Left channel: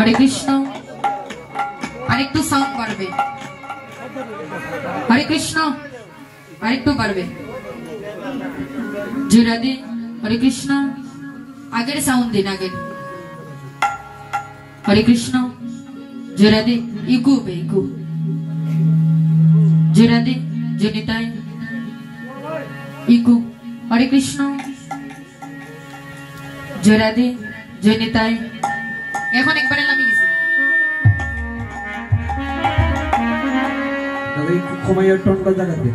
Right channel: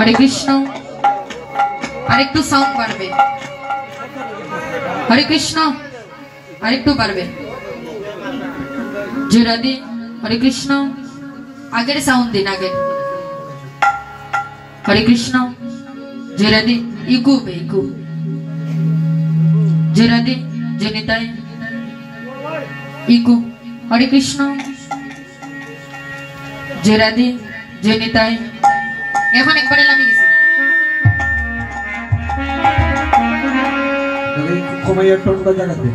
हरे कृष्ण আরেকটু সাউন্ড বাড়বে हरे कृष्ण আরেকটু বাড়বে जय राधे हरे कृष्ण আগের সাউন্ড দিন আগে हरे कृष्ण जय राधे इको पे इको जय राधे जय निताई इको हरे कृष्ण जय राधे जय निताई এখন একবারে নামি গেছে তাহলে কমাইয়া টোনটা জায়গাতে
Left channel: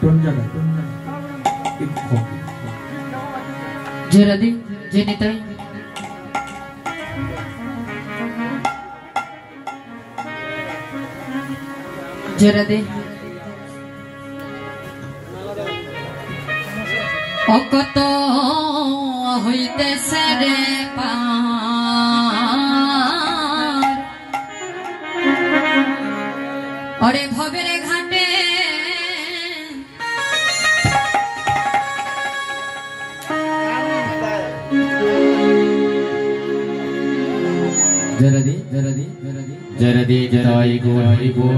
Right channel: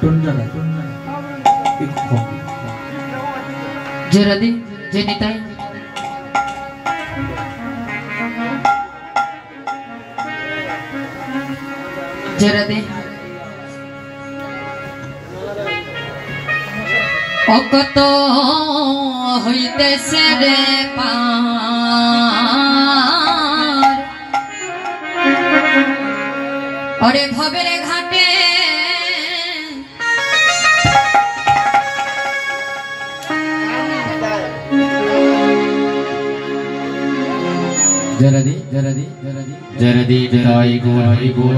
টোন জায়গা একটু কম जय राधे जय निताई जय राधे অকত হইতেছে রে পার ওরে ভবের ঘাটে জয়রাধে জয়রাধে জয় গৌর হরি বল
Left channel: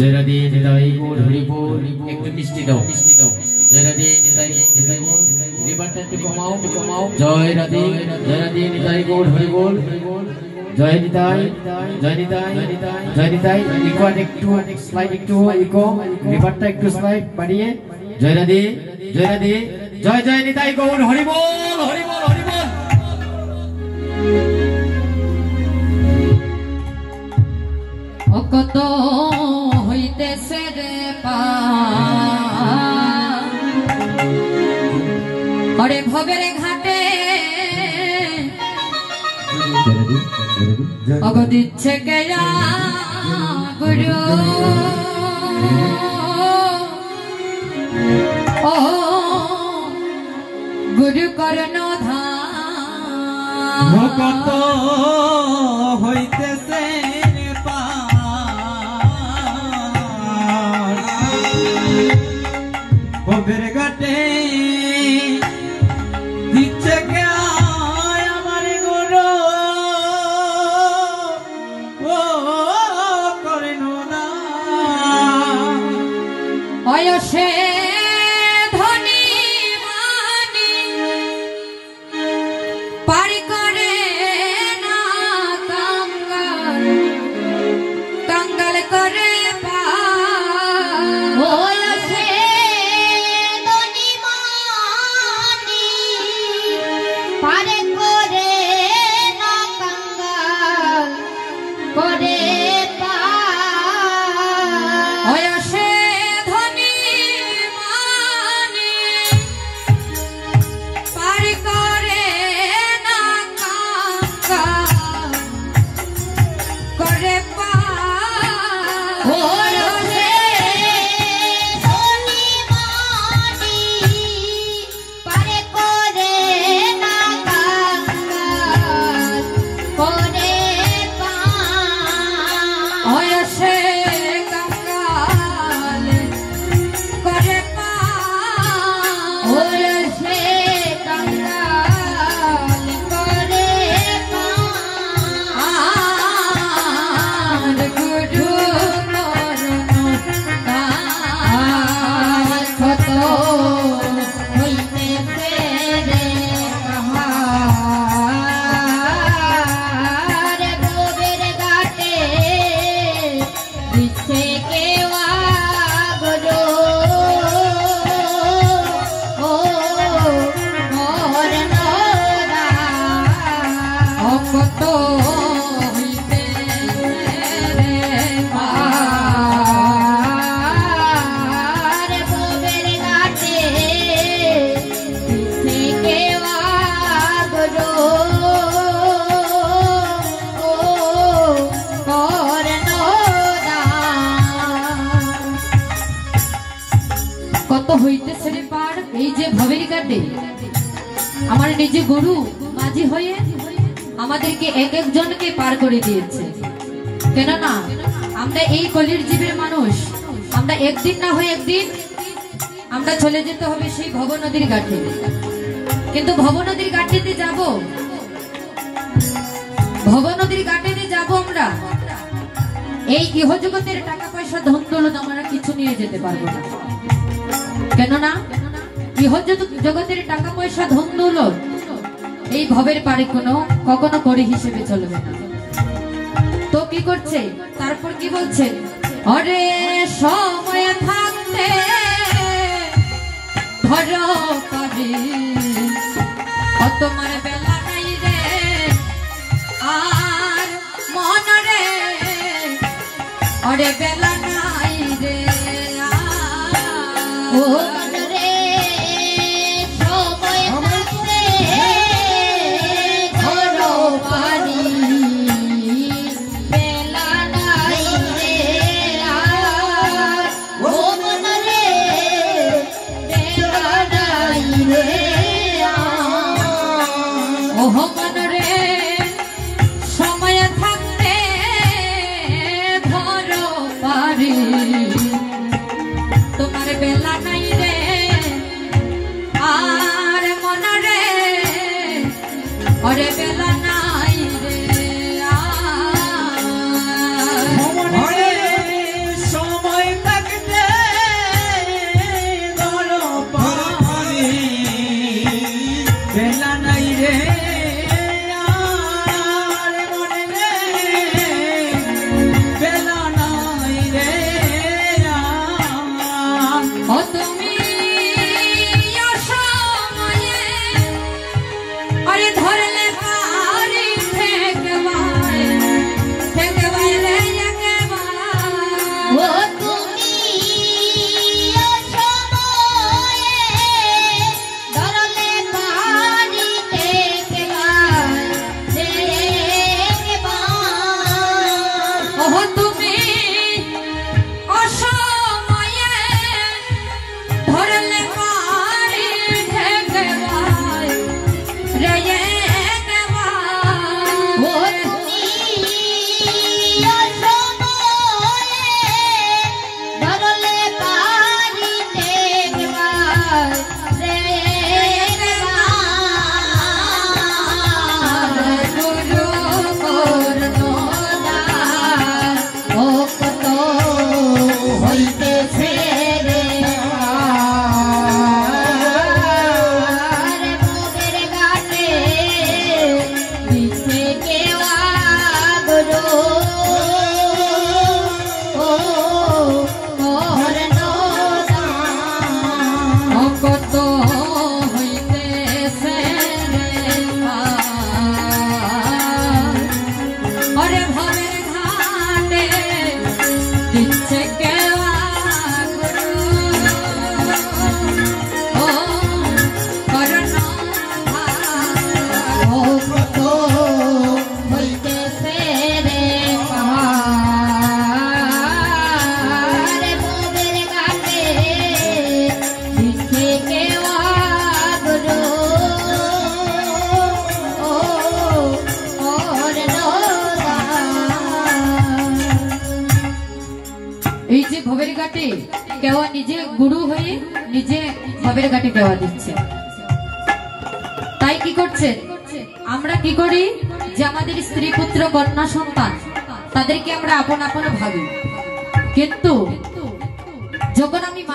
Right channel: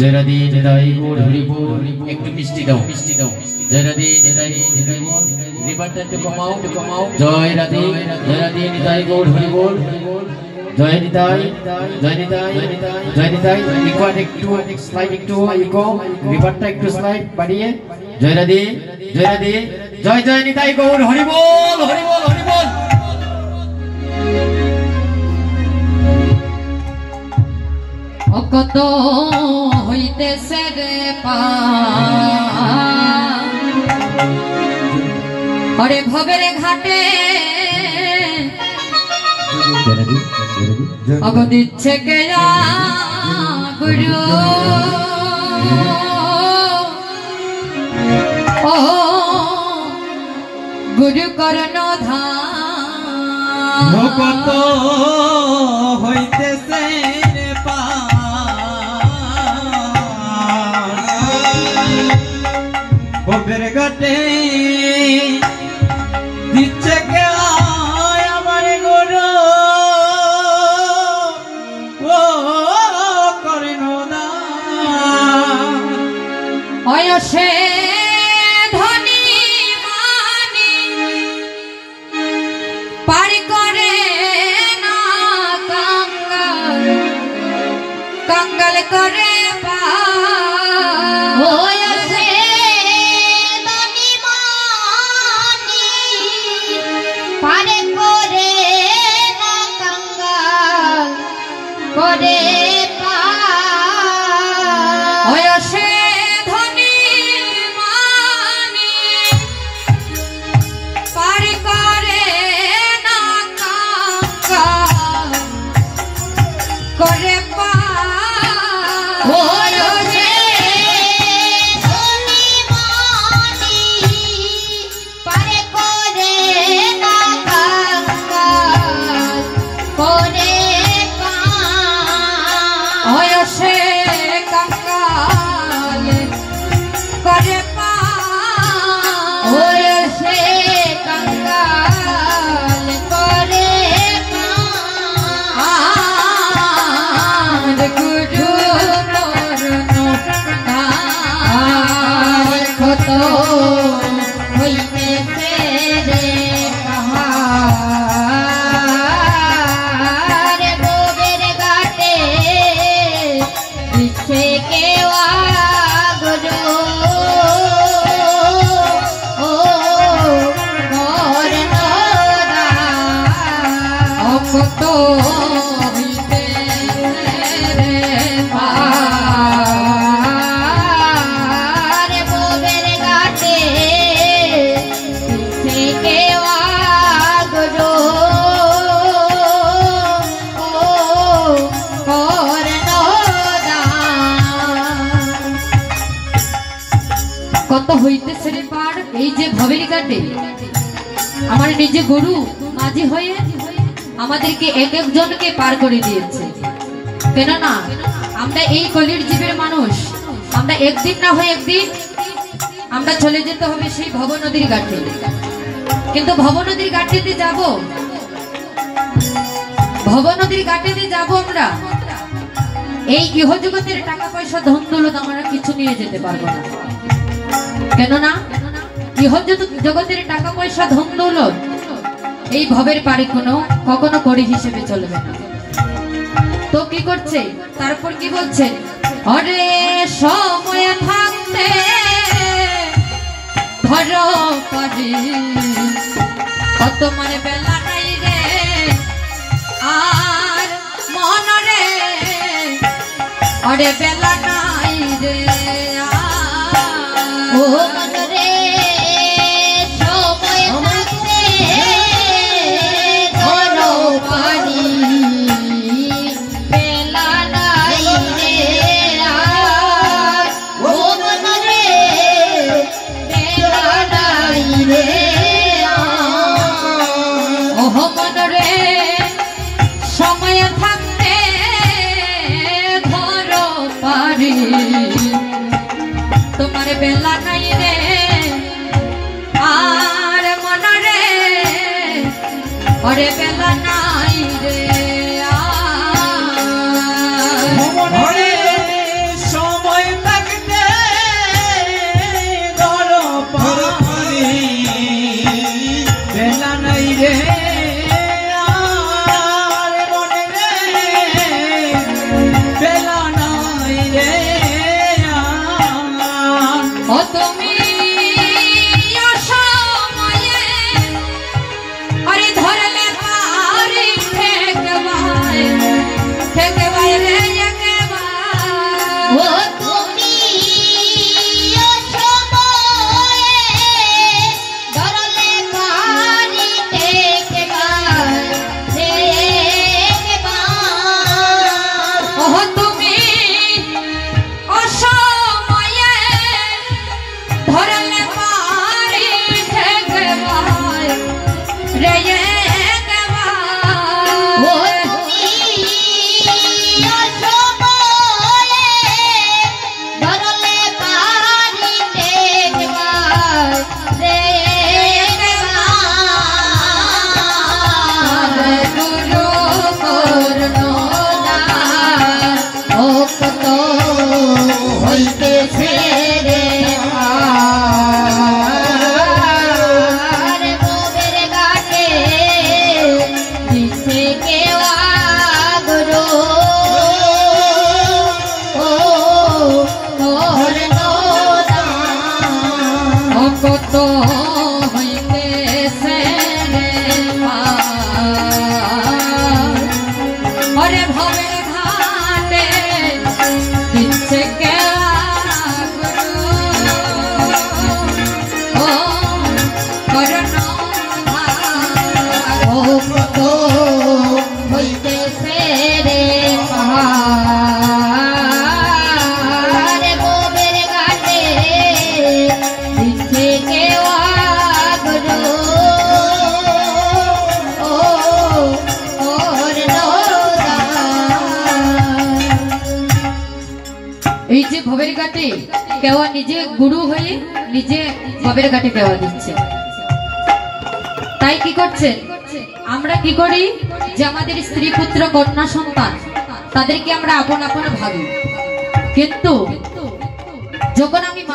জয়রাধে জয় গৌর হরি বল একটু মিষ্টি দাও জয়রাধে জয় হরি বল রিভারটা একটু কমাও জয়রাধে জয় গৌর হরি বল জয় নিতাই ইকোয়াট একটু স্লাইড একটু ইকো রিভারটা একটু স্লাইড বাড়িয়ে জয়রাধে জয় নিতাই গৌর হরি বল কত হইতেছে রে পারে ভবের ঘাটে অগ দিচ্ছে কেয়া গুরু ও গুরু করণ ধাম কত হইতেছে ভবের ঘাটে দিচ্ছে কে আমার গুরু ও করেন না অয়সে ধনী মানি পার করে না কাঙ্গাল করে পা কত হইতেছে রে পার এই যে ভবের ঘাটে আমার নিজে গুরু মাঝি হয়ে আমাদেরকে এক একজনকে পার করে দিয়েছে। কেননা আমরা এই কলির জীবের মানুষ, আমরা একদিন না হয় একদিন আমরা চলে যেতে হবে সেই ভব নদীর ঘাটে। কিন্তু ভব নদীর ঘাটেতে যাব, ভব নদীর ঘাটেতে যাব আমরা, এই ইহজগতের টাকা পয়সা ধন দৌলত আমরা কিছু নিয়ে যেতে পারবো না। কেননা ইহজগতের টাকা পয়সা ধন দৌলত এই ভবের পারে কখনো করি হিসেবে চলবে না। তো কি করছে, তারপর কি বলছে, অরে সময় থাকতে ধরো পারি তোমার বেলা নাই রে আর মন রে, অরে বেলা নাই রে ও মন রে, সময় থাকতে ধরো পারি বেলা নাই রে আর ও মন রে, বেলা নাই রে ও মন রে, সময় থাকতে ধরো পারি গুরু করুণাদার ভক্ত হইতেছে রে আর মোদের ঘাটে দিছে কেওয়া গুরু ভক্ত হইতেছে রে ওরে ভবের ঘাটে দিচ্ছে কেওয়া গুরু ও করুণাধার ভক্ত হইতেছে রে আরে মোদের ঘাটে দিচ্ছে কেওয়া গুরু ও এই যে ভবের ঘাটে কেওয়া নিজে গুরু হয়ে নিজে ভবের ঘাটে কেওয়া দিচ্ছে। তাই কি করছে আমরা কি করি যে আমাদের স্ত্রী পুত্র কন্যা সন্তান তাদেরকে আমরা আপন আপন ভাবি, কিন্তু যখন আমি মারা